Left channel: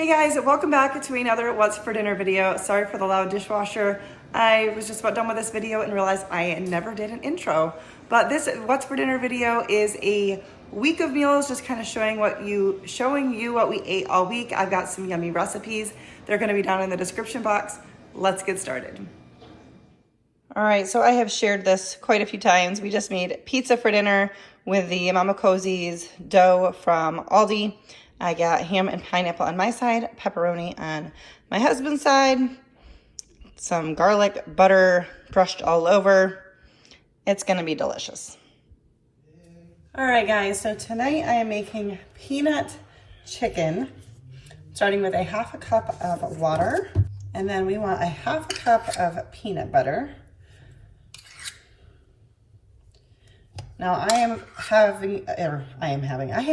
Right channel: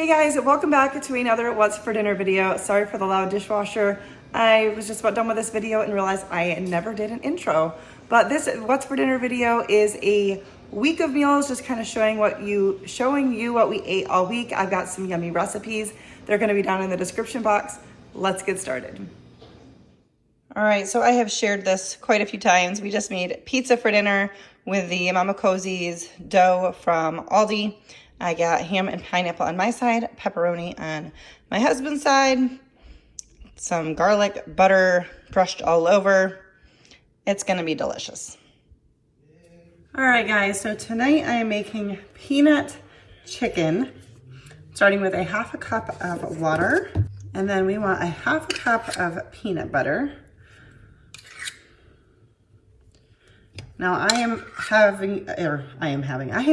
Hey guys, welcome back to another What's for Dinner video. Sorry for the loud dishwasher. I was just about done with this video and realized I never did an intro. But this What's for Dinner video is a week of meals, just kind of showing you what we ate all week. I've got some yummy recipes. They're gonna be down in the description box. Let's get started. All right, so I have shared this quite a few times. We just made pizza for dinner with the Mama Cozy's dough from Aldi. I got ham and pineapple on my side, pepperoni on my husband's side, some garlic, butter brushed all over. It's gonna be delicious. All right, guys, so tonight I am making peanut chicken, starting with a half a cup of water, and then we want a half a cup of peanut butter. Now I am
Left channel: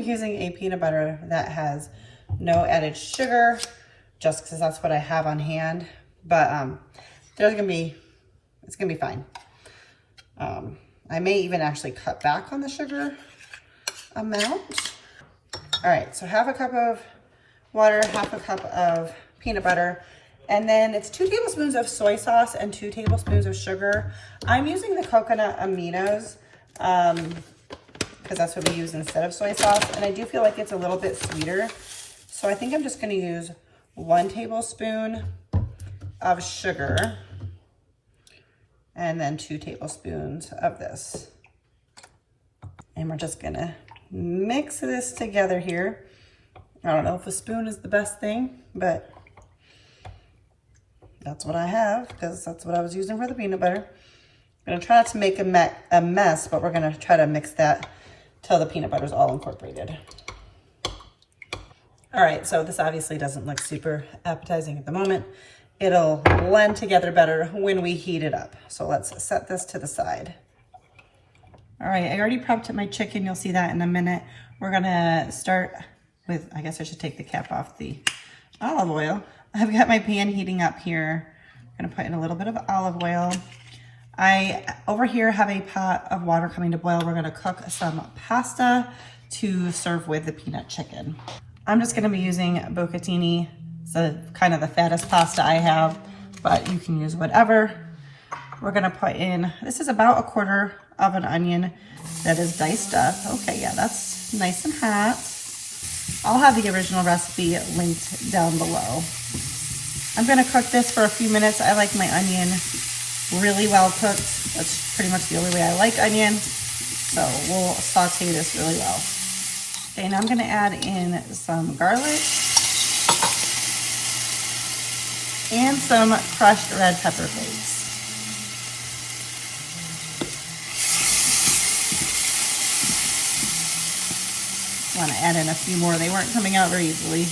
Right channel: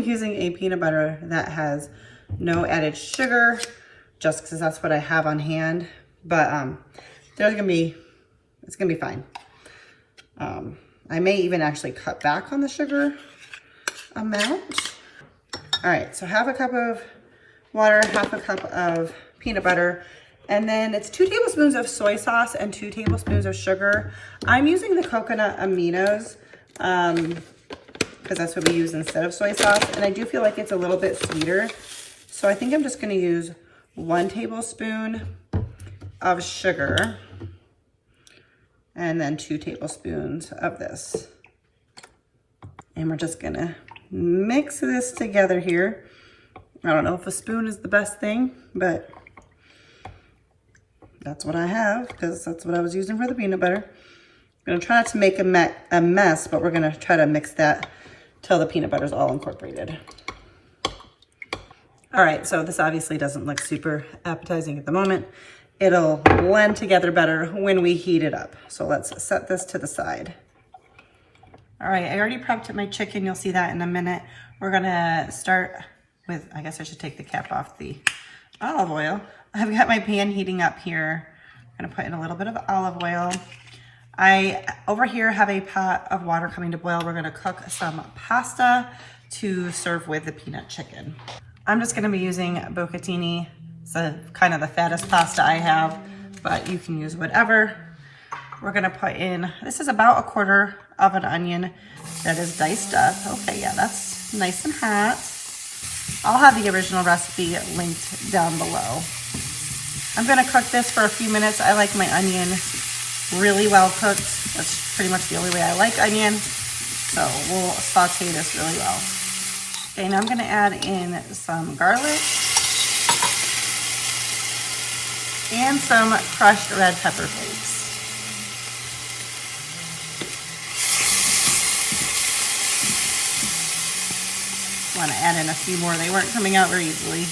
using a peanut butter that has no added sugar, just because that's what I have on hand. But it's gonna be fine. I may even actually cut back on the sugar amount. All right, so half a cup of water, half a cup of peanut butter, and then it's 2 tablespoons of soy sauce and 2 tablespoons of sugar. I'm using the coconut aminos, because that's what we use instead of soy sauce, and I do feel like it's a little bit sweeter, so I think I'm just going to use 1 tablespoon of sugar and then 2 tablespoons of this, and we're just gonna mix this together here. I don't know if a spoon is the best thing, but that's what I have because that's what I was using for the peanut butter. I'm gonna try not to make a mess, but we're gonna try to mix that till the peanut butter is all incorporated. All right, so this obviously doesn't look super appetizing at the moment. It'll blend together better when we heat it up. So let's set this to the side. All right, I already prepped my chicken. You'll see that in a minute. We're gonna start with, I guess I should take the cap off the olive oil. I've got my pan heating up here. I'm gonna put in a little bit of olive oil. I, over here, have a pot of water coming to boil. We're gonna cook some pasta to serve with the peanut chicken. I'm just gonna be using bucatini. It's kind of the fattest pasta I have, but you can use whatever. We're gonna put in, this is about 1/4 of an onion that is diced up. Okay, yeah, that's nice and hot. I'll have the original recipe linked down below. I'm gonna cook this for a few minutes. I like my onion really well cooked. That's pretty much the only way I like onion. So we'll saute this really well. Okay, now I'm gonna add in some garlic and some crushed red pepper flakes. Want to add in a few more. They weren't coming out very easily.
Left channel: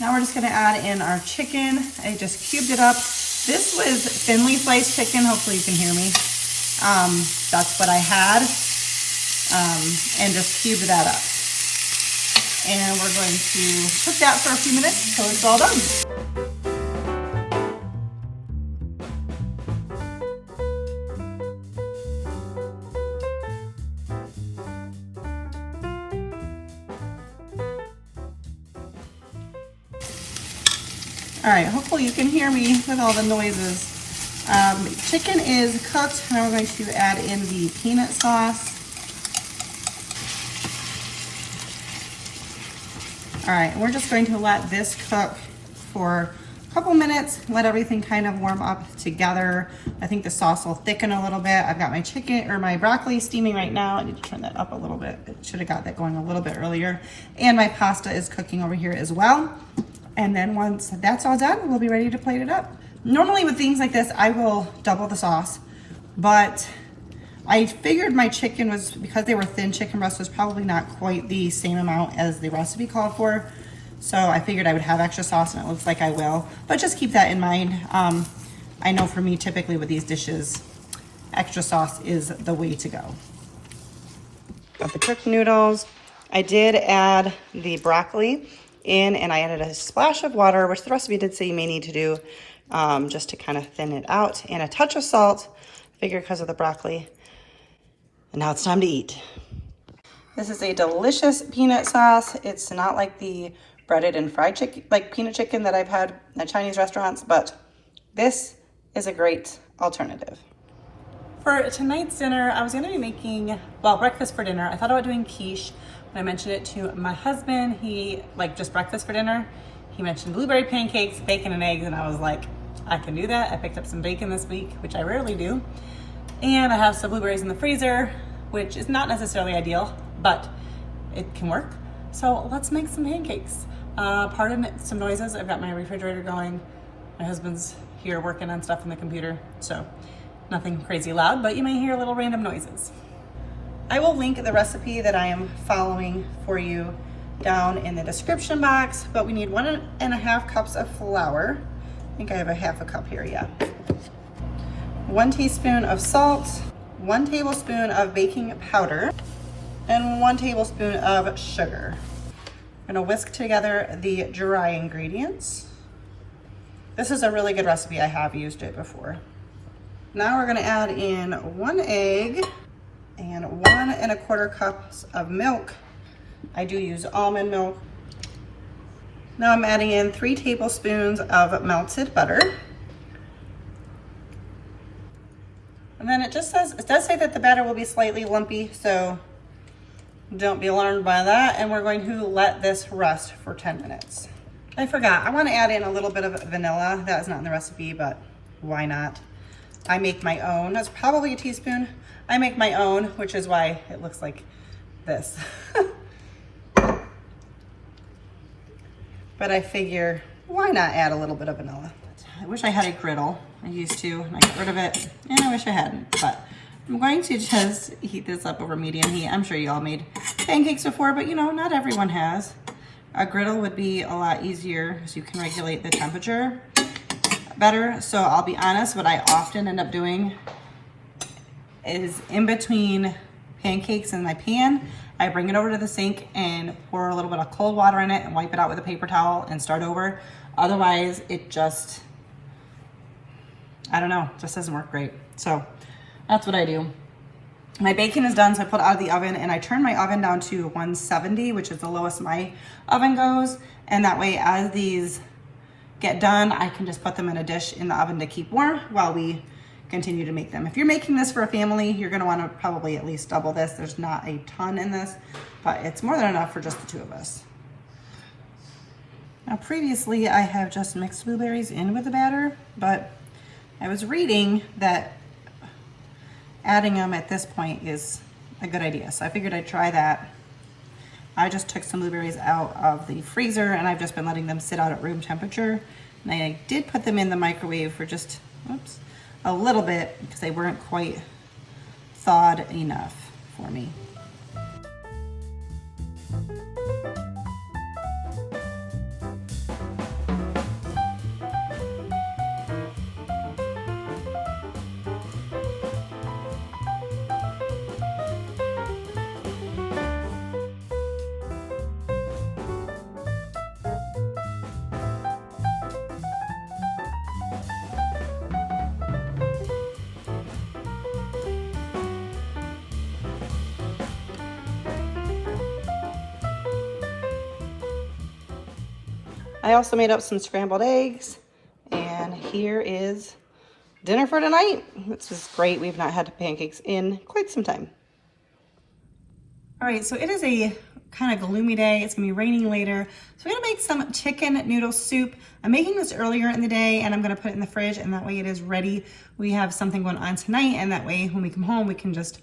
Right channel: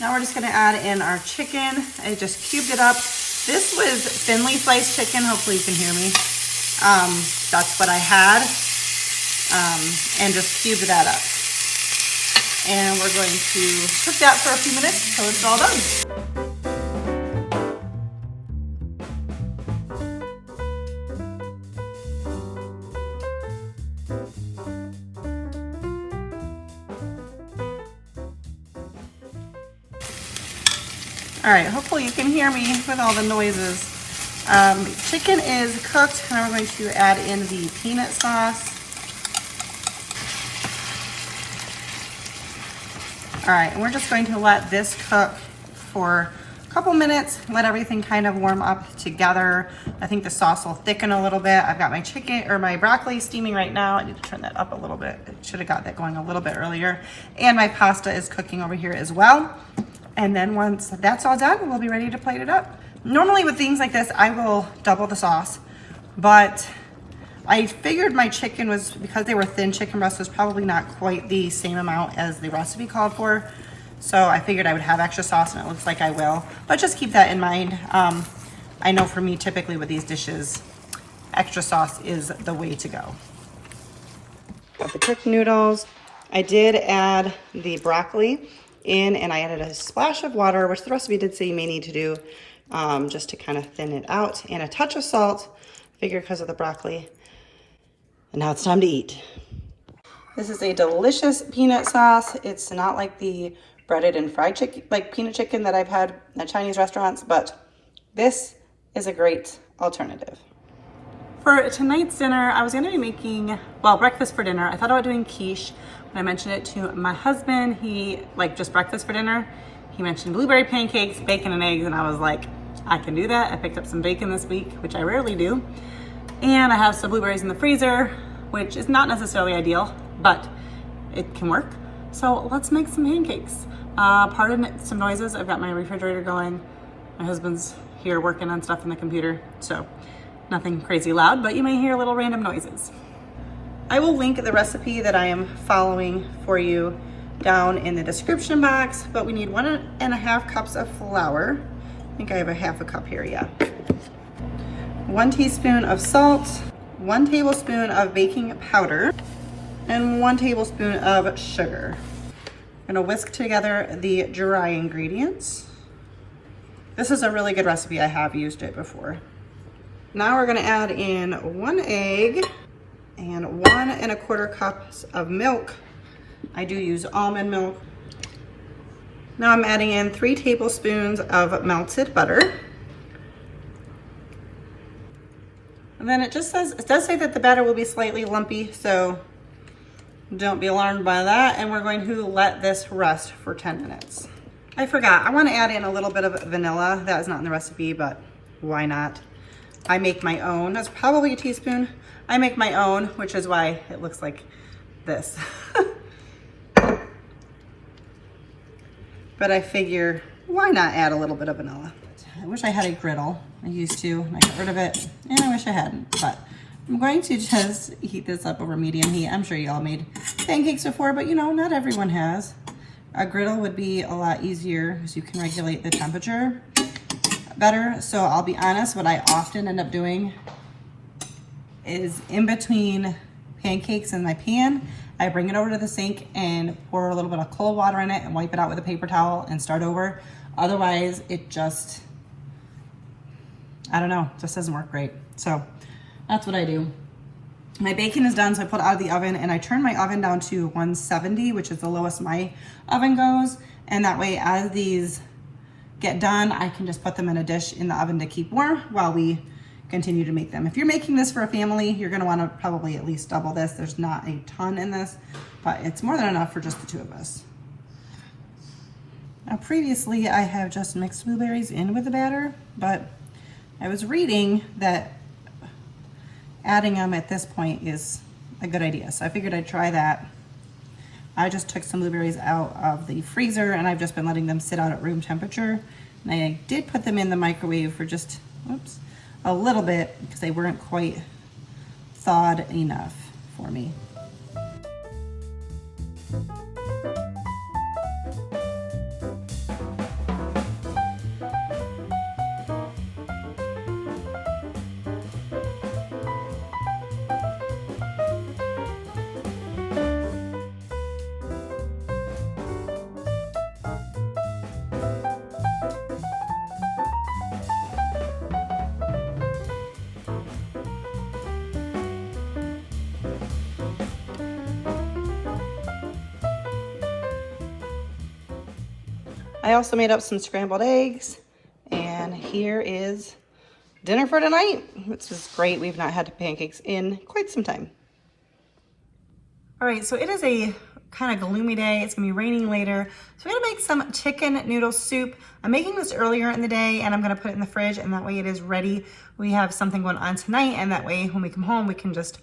Now we're just going to add in our chicken. I just cubed it up. This was thinly sliced chicken. Hopefully you can hear me. That's what I had. And just cubed that up. And we're going to cook that for a few minutes until it's all done. All right, hopefully you can hear me with all the noises. Chicken is cooked. Now we're going to add in the peanut sauce. All right, and we're just going to let this cook for a couple minutes, let everything kind of warm up together. I think the sauce will thicken a little bit. I've got my chicken or my broccoli steaming right now. I need to turn that up a little bit. I should have got that going a little bit earlier. And my pasta is cooking over here as well. And then once that's all done, we'll be ready to plate it up. Normally with things like this, I will double the sauce, but I figured my chicken was, because they were thin chicken breasts, was probably not quite the same amount as the recipe called for. So I figured I would have extra sauce, and it looks like I will, but just keep that in mind. I know for me, typically with these dishes, extra sauce is the way to go. Got the cooked noodles. I did add the broccoli in, and I added a splash of water, which the recipe did say you may need to do, just to kind of thin it out, and a touch of salt. Figure because of the broccoli. And now it's time to eat. This is a delicious peanut sauce. It's not like the breaded and fried chicken, like peanut chicken that I've had at Chinese restaurants, but this is a great alternative. For tonight's dinner, I was gonna be making, well, breakfast for dinner. I thought about doing quiche. When I mentioned it to my husband, he, like just breakfast for dinner, he mentioned blueberry pancakes, bacon and eggs, and I was like, I can do that. I picked up some bacon this week, which I rarely do. And I have some blueberries in the freezer, which is not necessarily ideal, but it can work. So let's make some pancakes. Pardon some noises. I've got my refrigerator going. My husband's here working on stuff in the computer, so nothing crazy loud, but you may hear little random noises. I will link the recipe that I am following for you down in the description box, but we need 1.5 cups of flour. I think I have a half a cup here, yeah. 1 teaspoon of salt, 1 tablespoon of baking powder, and 1 tablespoon of sugar. I'm gonna whisk together the dry ingredients. This is a really good recipe. I have used it before. Now we're gonna add in 1 egg and 1.25 cups of milk. I do use almond milk. Now I'm adding in 3 tablespoons of melted butter. And then it does say that the batter will be slightly lumpy, so don't be alarmed by that. And we're going to let this rest for 10 minutes. I forgot, I want to add in a little bit of vanilla. That is not in the recipe, but why not? I make my own. That's probably a teaspoon. I make my own, which is why it looks like this. But I figure, why not add a little bit of vanilla? I wish I had a griddle. I used to, and I got rid of it, and I wish I hadn't, but I'm going to just heat this up over medium heat. I'm sure you all made pancakes before, but you know, not everyone has. A griddle would be a lot easier because you can regulate the temperature better. So I'll be honest, what I often end up doing is in between pancakes in my pan, I bring it over to the sink and pour a little bit of cold water in it and wipe it out with a paper towel and start over. Otherwise, it just, I don't know, just doesn't work great. So that's what I do. My bacon is done, so I pull it out of the oven and I turn my oven down to 170, which is the lowest my oven goes. And that way, as these get done, I can just put them in a dish in the oven to keep warm while we continue to make them. If you're making this for a family, you're gonna wanna probably at least double this. There's not a ton in this, but it's more than enough for just the 2 of us. Now previously, I have just mixed blueberries in with the batter, but I was reading that adding them at this point is a good idea. So I figured I'd try that. I just took some blueberries out of the freezer and I've just been letting them sit out at room temperature. And I did put them in the microwave for just, oops, a little bit because they weren't quite thawed enough for me. I also made up some scrambled eggs, and here is dinner for tonight. This is great. We've not had pancakes in quite some time. All right, so it is a kind of gloomy day. It's gonna be raining later. So we're gonna make some chicken noodle soup. I'm making this earlier in the day and I'm gonna put it in the fridge and that way it is ready. We have something going on tonight and that way when we come home, we can just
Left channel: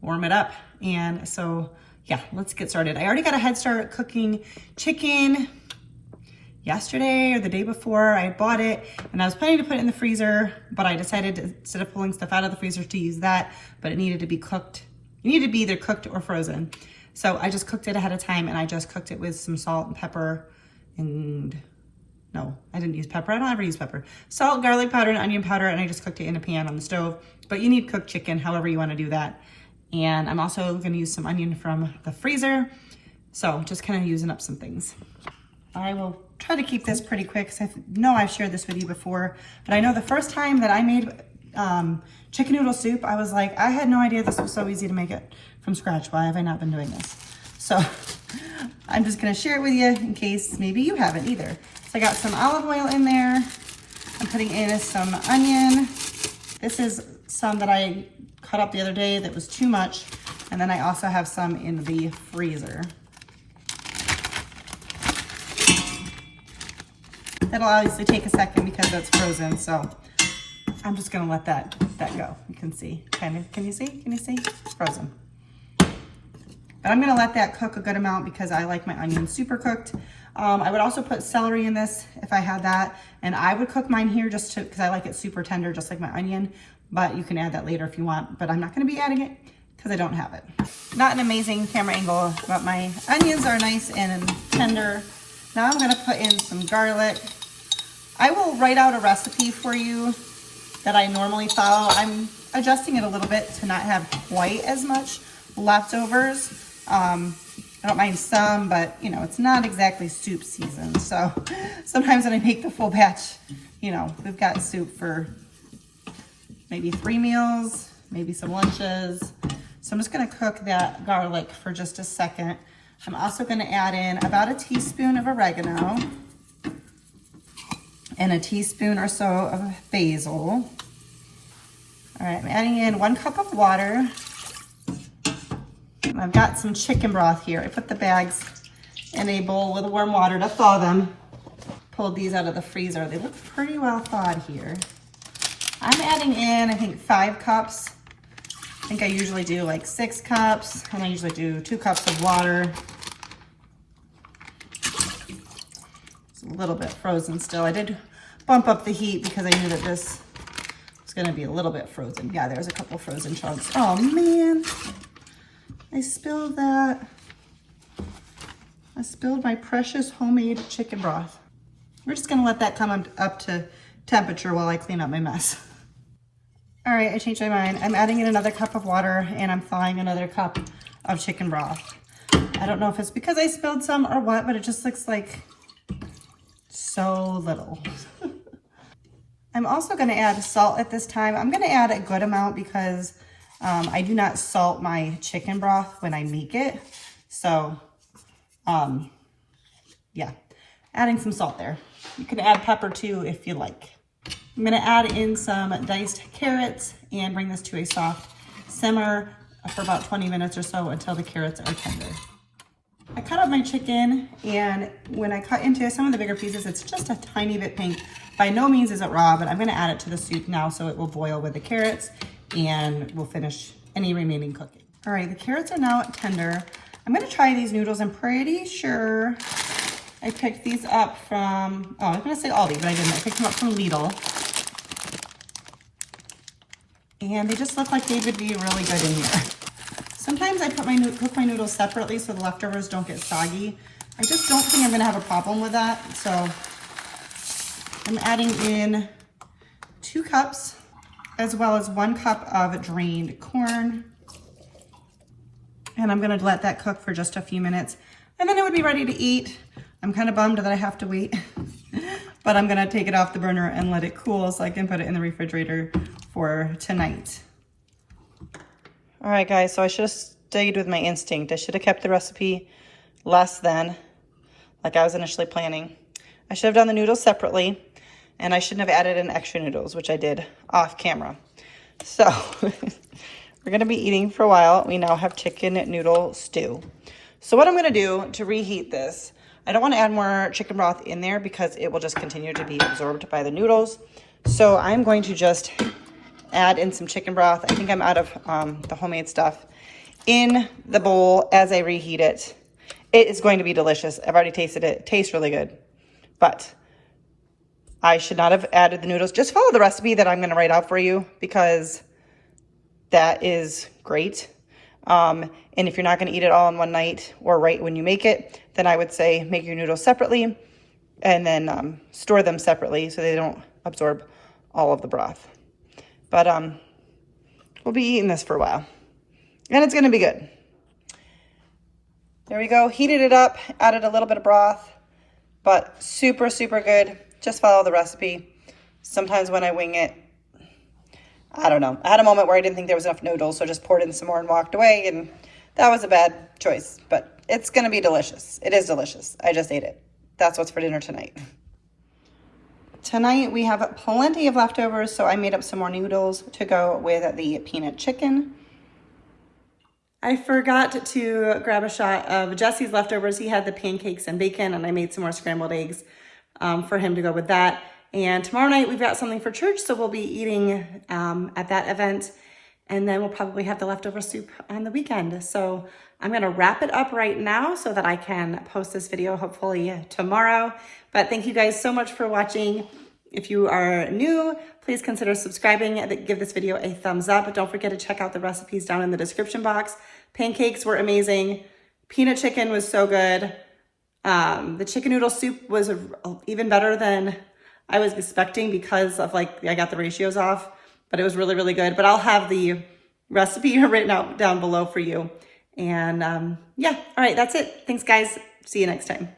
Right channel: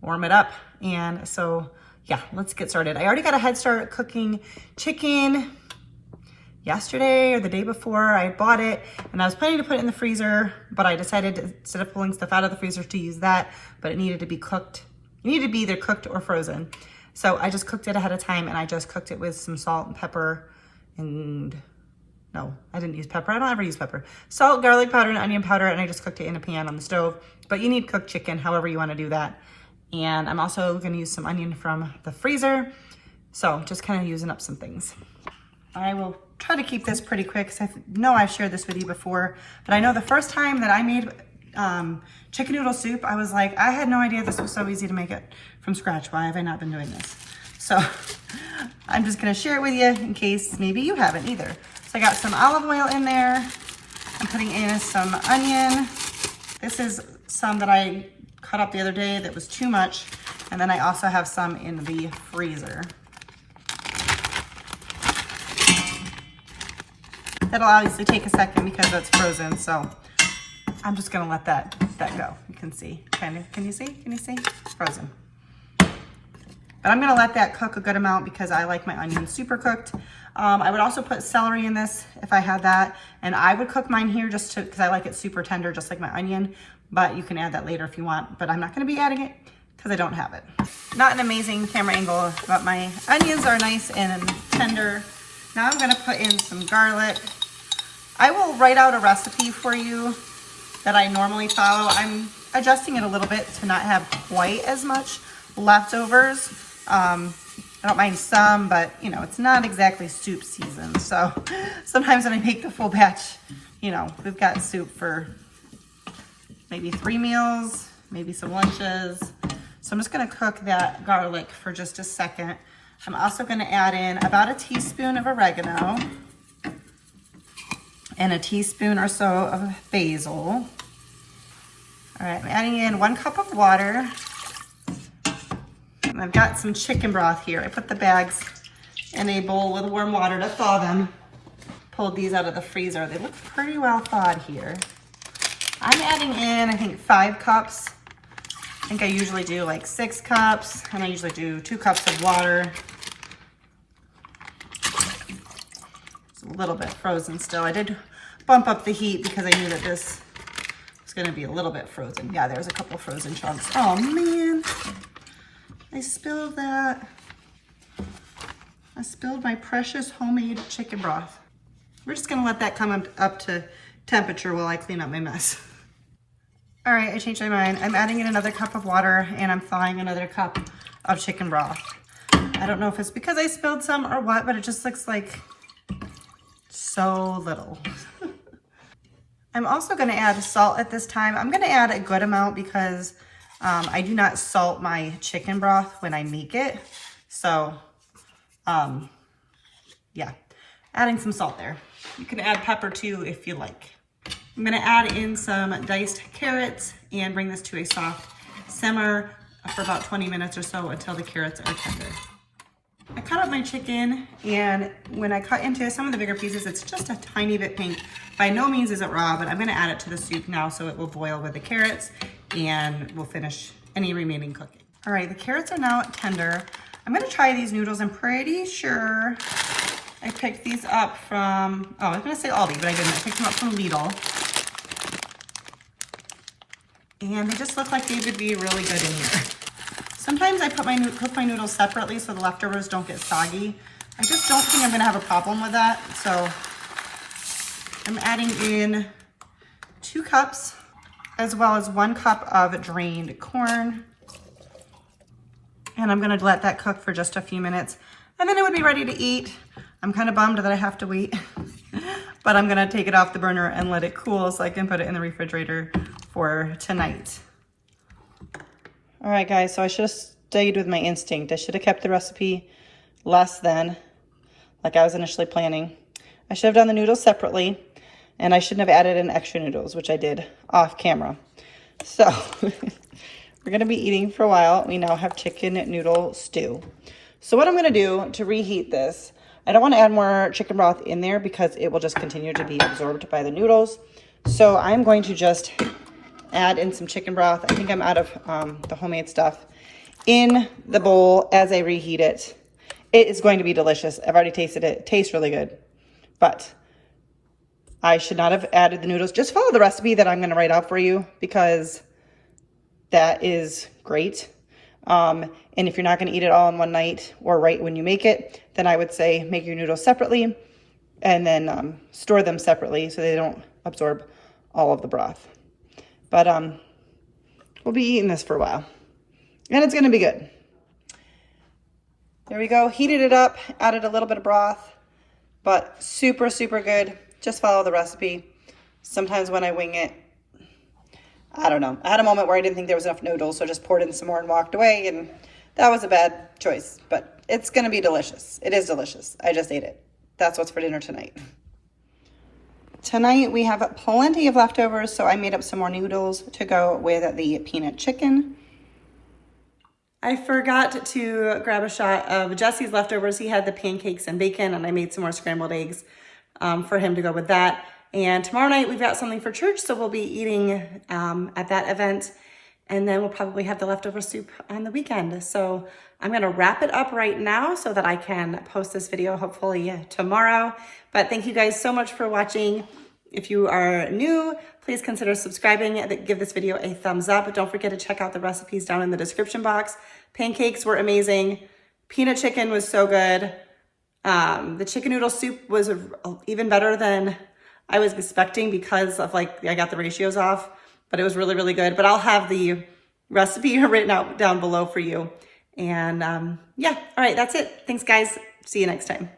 warm it up. And so yeah, let's get started. I already got a head start cooking chicken yesterday or the day before. I bought it and I was planning to put it in the freezer, but I decided to, instead of pulling stuff out of the freezer to use that, but it needed to be cooked. It needed to be either cooked or frozen. So I just cooked it ahead of time and I just cooked it with some salt and pepper and no, I didn't use pepper. I don't ever use pepper. Salt, garlic powder, and onion powder, and I just cooked it in a pan on the stove. But you need cooked chicken, however you want to do that. And I'm also going to use some onion from the freezer. So just kind of using up some things. I will try to keep this pretty quick because I know I've shared this with you before, but I know the first time that I made chicken noodle soup. I was like, I had no idea this was so easy to make it from scratch. Why have I not been doing this? So I'm just gonna share it with you in case maybe you haven't either. So I got some olive oil in there. I'm putting in some onion. This is some that I cut up the other day that was too much. And then I also have some in the freezer. That'll obviously take a second because it's frozen. So I'm just gonna let that go. You can see, kind of, can you see? Can you see? It's frozen. But I'm gonna let that cook a good amount because I like my onions super cooked. I would also put celery in this if I had that. And I would cook mine here just to, because I like it super tender, just like my onion. But you can add that later if you want. But I'm not gonna be adding it because I don't have it. Not an amazing camera angle, but my onions are nice and tender. Now I'm gonna put in some garlic. I will write out a recipe for you that I normally follow. I'm adjusting it a little bit to not have quite as much leftovers. I don't mind some, but you know, it's not exactly soup season. So sometimes when I make the full batch, you know, we've got soup for maybe 3 meals, maybe some lunches. So I'm just gonna cook that garlic for just a second. I'm also gonna add in about a teaspoon of oregano and a teaspoon or so of basil. All right, I'm adding in 1 cup of water. And I've got some chicken broth here. I put the bags in a bowl with warm water to thaw them. Pulled these out of the freezer. They look pretty well thawed here. I'm adding in, I think, 5 cups. I think I usually do like 6 cups, and I usually do 2 cups of water. It's a little bit frozen still. I did bump up the heat because I knew that this was gonna be a little bit frozen. Yeah, there's a couple frozen chunks. Oh man, I spilled that. I spilled my precious homemade chicken broth. We're just gonna let that come up to temperature while I clean up my mess. All right, I changed my mind. I'm adding in another cup of water and I'm thawing another cup of chicken broth. I don't know if it's because I spilled some or what, but it just looks like so little. I'm also gonna add salt at this time. I'm gonna add a good amount because I do not salt my chicken broth when I make it. So, yeah, adding some salt there. You can add pepper too if you like. I'm gonna add in some diced carrots and bring this to a soft simmer for about 20 minutes or so until the carrots are tender. I cut up my chicken, and when I cut into some of the bigger pieces, it's just a tiny bit pink. By no means is it raw, but I'm gonna add it to the soup now so it will boil with the carrots and we'll finish any remaining cooking. All right, the carrots are now tender. I'm gonna try these noodles. I'm pretty sure I picked these up from, oh, I was gonna say Aldi, but I didn't. I picked them up from Lidl. And they just look like they would be really good in here. Sometimes I cook my noodles separately so the leftovers don't get soggy. I just don't think I'm gonna have a problem with that. So I'm adding in 2 cups as well as 1 cup of drained corn. And I'm gonna let that cook for just a few minutes and then it would be ready to eat. I'm kind of bummed that I have to wait, but I'm gonna take it off the burner and let it cool so I can put it in the refrigerator for tonight. All right, guys, so I should have stayed with my instinct. I should have kept the recipe less than, like I was initially planning. I should have done the noodles separately, and I shouldn't have added in extra noodles, which I did off camera. So we're gonna be eating for a while. We now have chicken noodle stew. So what I'm gonna do to reheat this, I don't wanna add more chicken broth in there because it will just continue to be absorbed by the noodles. So I'm going to just add in some chicken broth. I think I'm out of the homemade stuff in the bowl as I reheat it. It is going to be delicious. I've already tasted it. It tastes really good, but I should not have added the noodles. Just follow the recipe that I'm gonna write out for you because that is great. And if you're not gonna eat it all in one night or right when you make it, then I would say make your noodles separately and then store them separately so they don't absorb all of the broth. But we'll be eating this for a while and it's gonna be good. There we go, heated it up, added a little bit of broth, but super, super good. Just follow the recipe. Sometimes when I wing it, I don't know. I had a moment where I didn't think there was enough noodles, so just poured in some more and walked away, and that was a bad choice, but it's gonna be delicious. It is delicious. I just ate it. That's what's for dinner tonight. Tonight we have plenty of leftovers, so I made up some more noodles to go with the peanut chicken. I forgot to grab a shot of Jesse's leftovers. He had the pancakes and bacon, and I made some more scrambled eggs for him to go with that. And tomorrow night we've got something for church, so we'll be eating at that event. And then we'll probably have the leftover soup on the weekend. So I'm gonna wrap it up right now so that I can post this video hopefully tomorrow. But thank you guys so much for watching. If you are new, please consider subscribing and give this video a thumbs up. Don't forget to check out the recipes down in the description box. Pancakes were amazing. Peanut chicken was so good. The chicken noodle soup was even better than I was expecting because of I got the ratios off, but it was really, really good. But I'll have the recipe written out down below for you. And yeah, all right, that's it. Thanks guys. See you next time.